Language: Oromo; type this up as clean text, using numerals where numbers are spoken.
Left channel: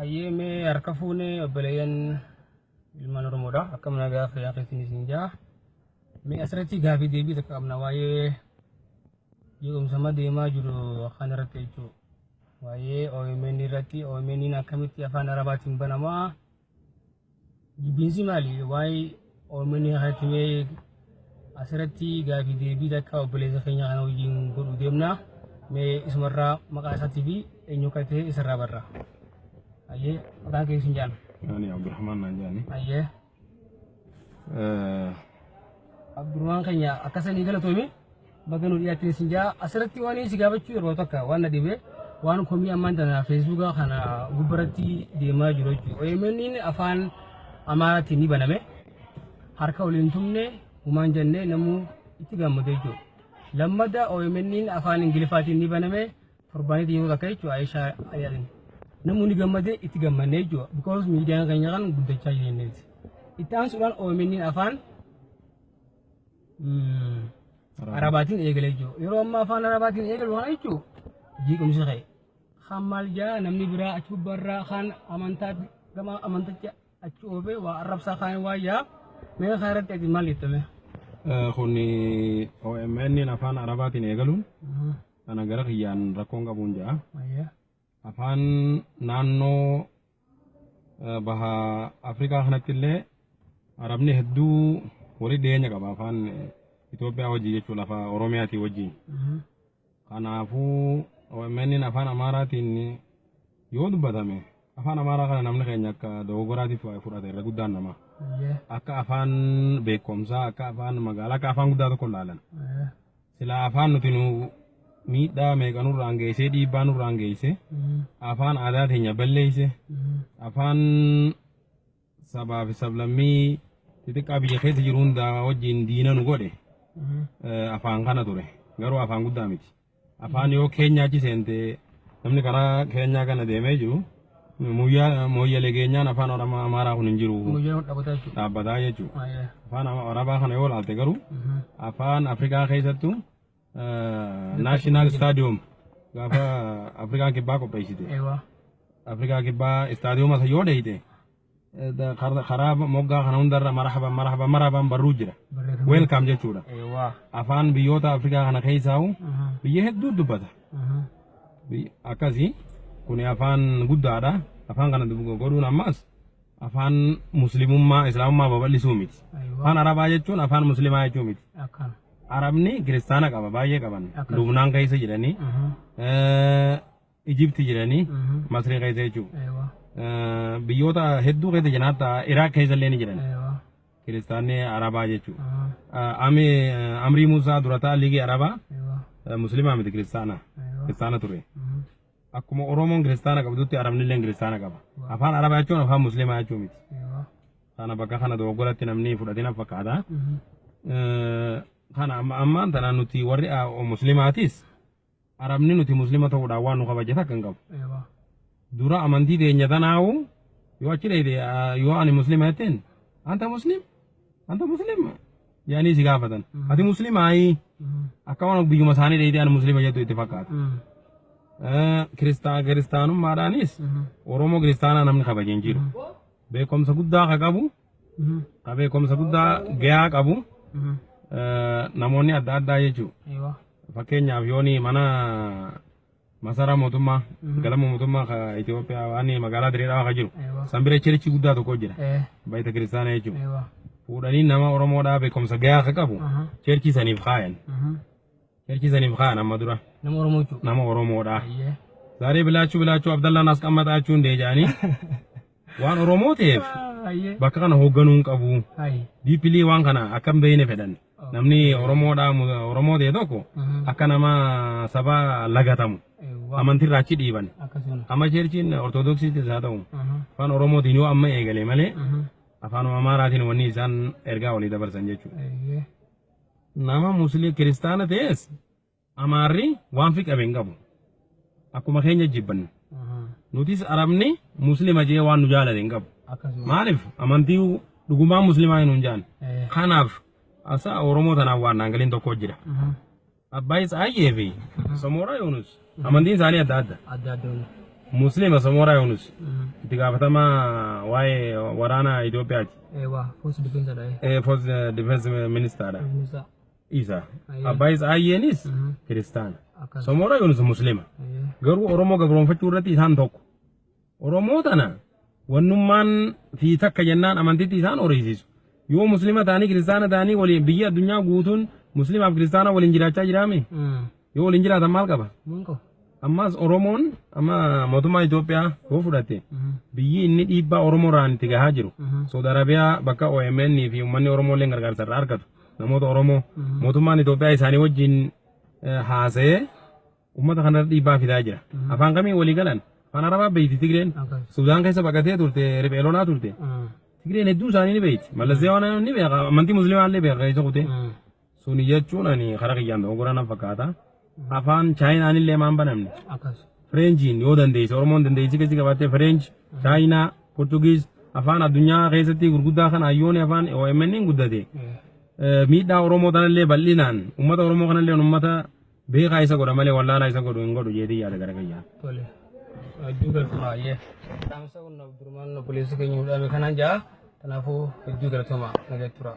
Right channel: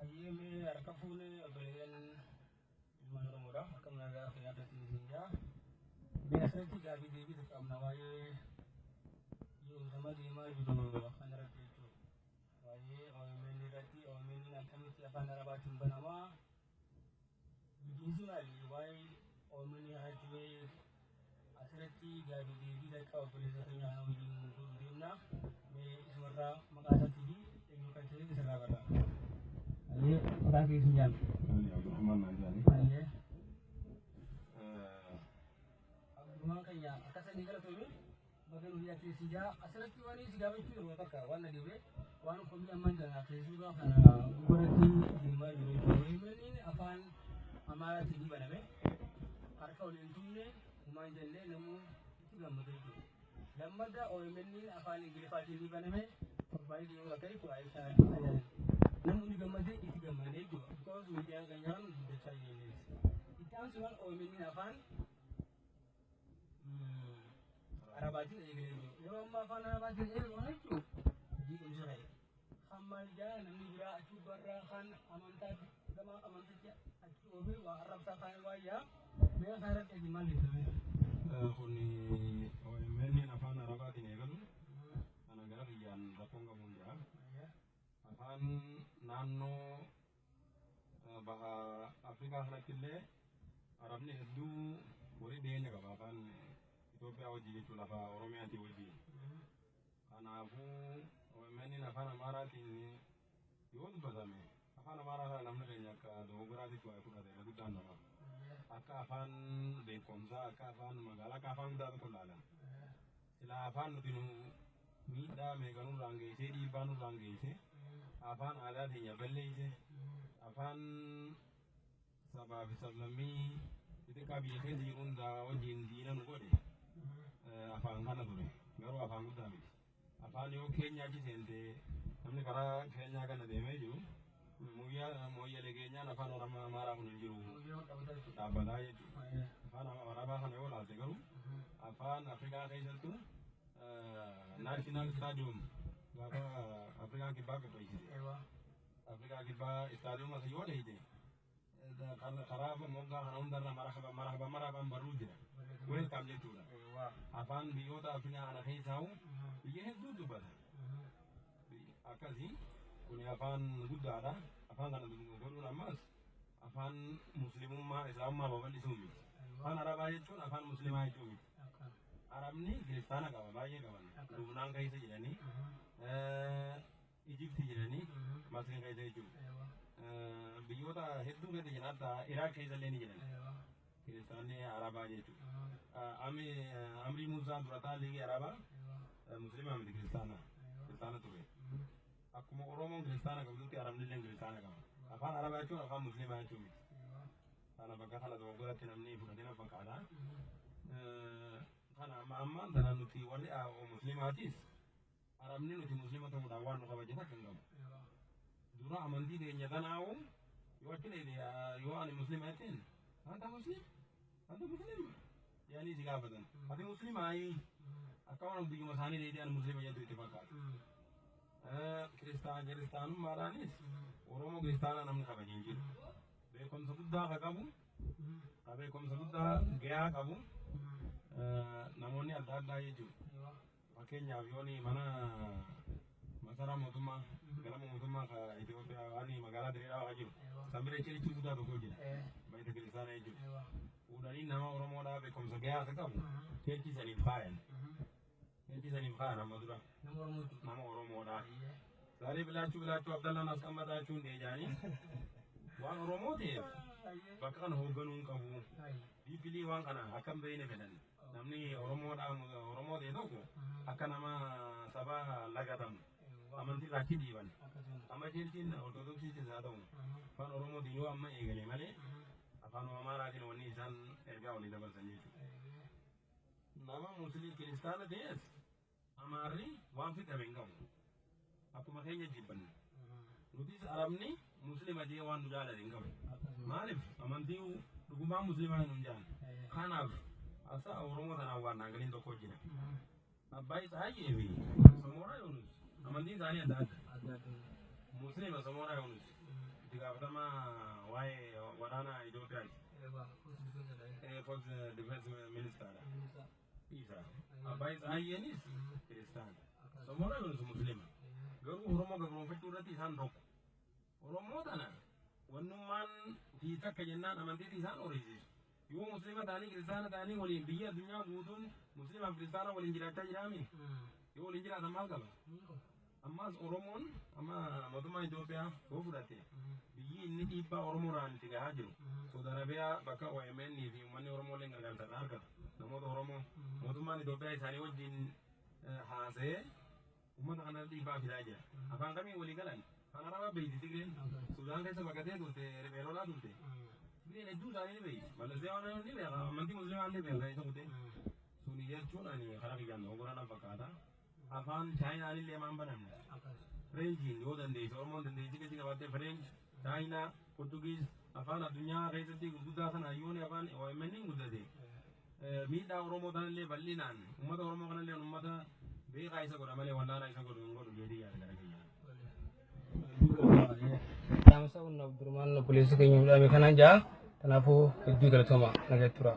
Ayyeme harka fuune obboleeyyan ilmaan Oromoodha. Akkam nagaa fayyaa keessanii isin jaa. Mee asirratti gaafii deebii tokko qabna waa'ee jeequmsa deemaa jiru afaan irratti jechuudha. Waa'ee OMN irratti OMN akkamitti afaan Arabaatiin banamaa? Jibbiinsi maali? Waa'ee OMN irratti mee asirratti gaafii deebii tokko obboleessa keenya kana wajjin godhuu deemna. Mee isumarraa maqaa isaatii fi eenyu akka ta'e isarraa barra. Aye, maqaan kee isin jaan? Ani Abdurrahman Najani. Aye. Abdurrahman keenya akkasanii galatoomi bakka nu dhiyaattee isin jaa asirratti waan si gaafachuu yeroo tokko waan na dhibee waan komii ammaan tana Feesbuukaa kana gubbaratti deemaa jiru jechuudha. OMN afaan Amaaraatiin ni baname harka waliin tumne humaan jennee namuu itti gammade jechuudha. Lammadaa OMN afaan Ingiliffaatiin ni baname torbaanitti yeroo takka jechuudha Aishaa Ayyaadin. Namni gammadee itti gammadee jiru because miidiyaan keenya kan guddachaa jiranidha. Itti aansuudhaan OMN afaan Arabaatiin eegalee jiru. Yeroo ammaa afaan Arabaatiin eegalu kana jechuun jeequmsi ka'e. Kan maal jaa namni biraa achi gubbaarraa kan amantaa gama amanticha achi oofee waa arrabsaa kan waayyaa mee kan irratti ati maal jettame? Kuni OMN afaan Arabaatiin eegaluun kana gara kiyyaan rakkoon qabuun jaa. Afaan naannoo baha Afrikaa kanatti illee Arabni hedduu walii dhiyeenya qaba afaan Itoophiyaa wajjin jechuun lafa Oromiyaatii wajjin. Kanaafuu OMN afaan Amaaraatiin yoo dubbatame afaan Amaaraa kana namni keenya akka dogoggoraatiif fudhate irra guddaan nama. Akka afaan beekumsaa akka afaan magaalaa akka afaan guddaa tokko ilaalan. Sila afaan nuti nu miidhaa meeqa nurraan geessee dhiibbaa nurraan geesse afaan aadaa teenya balleesse afaan sabaa fi sablammii xixiqqaa biyya keessa jiru hundaa wajjin diina nu godhe afaan kana ture garuu afaan guddaa miti afaan yoo keenyaa achi seente namni karaa keenyaa kana deemee jiru mooyyalee keenyaan afaan Amaaraa kun hin jiru dhaabbataa jechuudha afaan Arabaa kana yoo laalte garuu afaan Afrikaa keessattuu National Stadium gaafa Afrikaa kibbaa qopheessite. Afrikaa kibbaa stadium asa yoo dheeyite karaa moggaa kana hundarra marhaban barruu jira. Welcome jechuudha. Afaan biyyoota Afrikaa kana keessaa biyya hedduu dubbata. Akkasii kuni afaan guddaadha. Afaan kana godhuun ammas afaan muslimummaa islaamummaa babal'isuu miti. Afaan Arabaa jechuun afaan muslimaa jechuu miti. Arabni kiristaana qaba baay'ee qaban Lubnaan keessa jiranii Ijipti jiranii Masrii keessa jechuudha biyyoota hedduu keessa jiran hatta Iraaq keessa illee ni jiran kiristaanni Arabaa jechuudha Amrii Musaa durataa liigii Arabaa muslimaa miti kiristaana ture akkuma Oromoon kiristaana qabdutti Arabni illee kiristaana qaba afaan Arabaa jechuun afaan muslimaa jechuu miti kana bakka kana dogoggoratti namni fudhatina fakkaata kana ammaan tana nuti warri muslimaatis Arabni nuti muslima ta'uudhaan waan nu kabajata kan qabu. Dura amantii teenya tanaawu yoo achi dheeyte yoo ani muslima jetteen anta muslim yaanii si gaafatan ati muslimaayi akka waan biyyuma isaanii dheeyte ani muslima jettu itti fakkaata. Kiristaanummaadhaanis Oromoo kiristaanaa namni kabaje hin jiru. Beekumsa guddaa ka qabu ka beekumsa guddaa gahaa qabu. Namoonni adda addaa jechuudha. Fakkeenyaaf yooni mana masaraa mootummaa galma mootummaa ka Itoophiyaa waan magaalaa Direedhaa ka jiru sanbira cherichi guddaa tokko jira bayita kiristaanaa jechuudha. Fuudhanii nama Oromoodhaa beekumsa gahaa ka qabu cherichi saniif kaayan. Cherichi saniif kaayan amma dura nama Oromoodhaa. Zaaree bilaachuu Abdallaan as qammataachuu hin deejaanii waan Oromoo ta'eef bakka kana hoogganuu qabu. Diipilii waan kana akkam beeyne fedhan. Namni Oromoo ta'e tokko akka nama saba lagatamu amantiirraa achi dhiiban amma cheerchiin ortodoksiitis haa ta'u afaan Oromootiin yoo amma eegale malee afaan Amaaraatiin wanni isaan ergaa walii dabarsan jechuudha. Nama musliim kiristaana ta'es Amaarri waan fi qabeen qabu akkuma keenya jibban nutis Arabni muslima jee waan nu jaalate hin qabu maaliif amantii dhugumaa muslimaa hin jaan kanaaf asa Oromoo tanaaf waan naangaliin tokko jira. Abbaayis ayyee fi Samoora Yoonus amantiin isaanii adda adda. Muslima Samora Yunus. Itti gaafatamaa waa'ee waraana Itoophiyaati. First defense dha. First defense minister dha. Minister. Isa. Abbaa isaa Ayyeenis kiristaana. Samora Yunus Muslima. Garuu Oromoo gabroonfachuu irratti isaan tokko. Oromoo tana wannummaan fi takka jennaan amantiitti isaan horisiisu. Yoo Muslima ta'anii kiristaana ta'anii waliin biyya addunyaa guutuun Muslimaaf kiristaana waliin jiraachaa jiraame. Yoo waliin jiraatan maal qaba? Ammas Oromoon amma mootummaa Itoophiyaa yoo fudhate biyyi inni dhiibbaa Oromoorraan itti gahaa jiru. Saudi Arabiyaa bakka OMN fi uummanni Oromoo illee gargaarsa irraa argatu. Namoota Oromoo mootummaan Itoophiyaa isaanii wajjin haasa'ee uummata kanarra dhiibbaa fidaa jira. Afaan kamiin walii galan? Afaan Arabaa beeyti Tigreen. Sudaan keessa baqatee turte, riphee lolaa turte. Tigreen hedduu isaanii ni beeyti. Mallasee waan ni beeka, amantii Musliimaa illee beeka keessa kute. Suni jechuun ani karaa kiyyaan ta'uu goraa na fakkaata. Afaan Chaayinaan illee maan banamne. Fireenjiin yoo dandeesse, Oromoon dandeessi keessa qabattee Fireenj, Chaayinaa, Portugiis, afaan addunyaa keessatti gurguddaa kana hayyoonni afaan OMN guddate. Miidhaa Oromoo tanallee bal'inaan, uummata Oromoo kanallee uummata beekaa isa godha malee wallaalaa isa godhu hin godhu jeetii yaada gara kiyyaan. Hedduu galtuma ayyee. Dhaamsa kun durmaan obboleessi keenya hudhame kanaan jaa kanaafuu hedduu galtuma nageetti tura.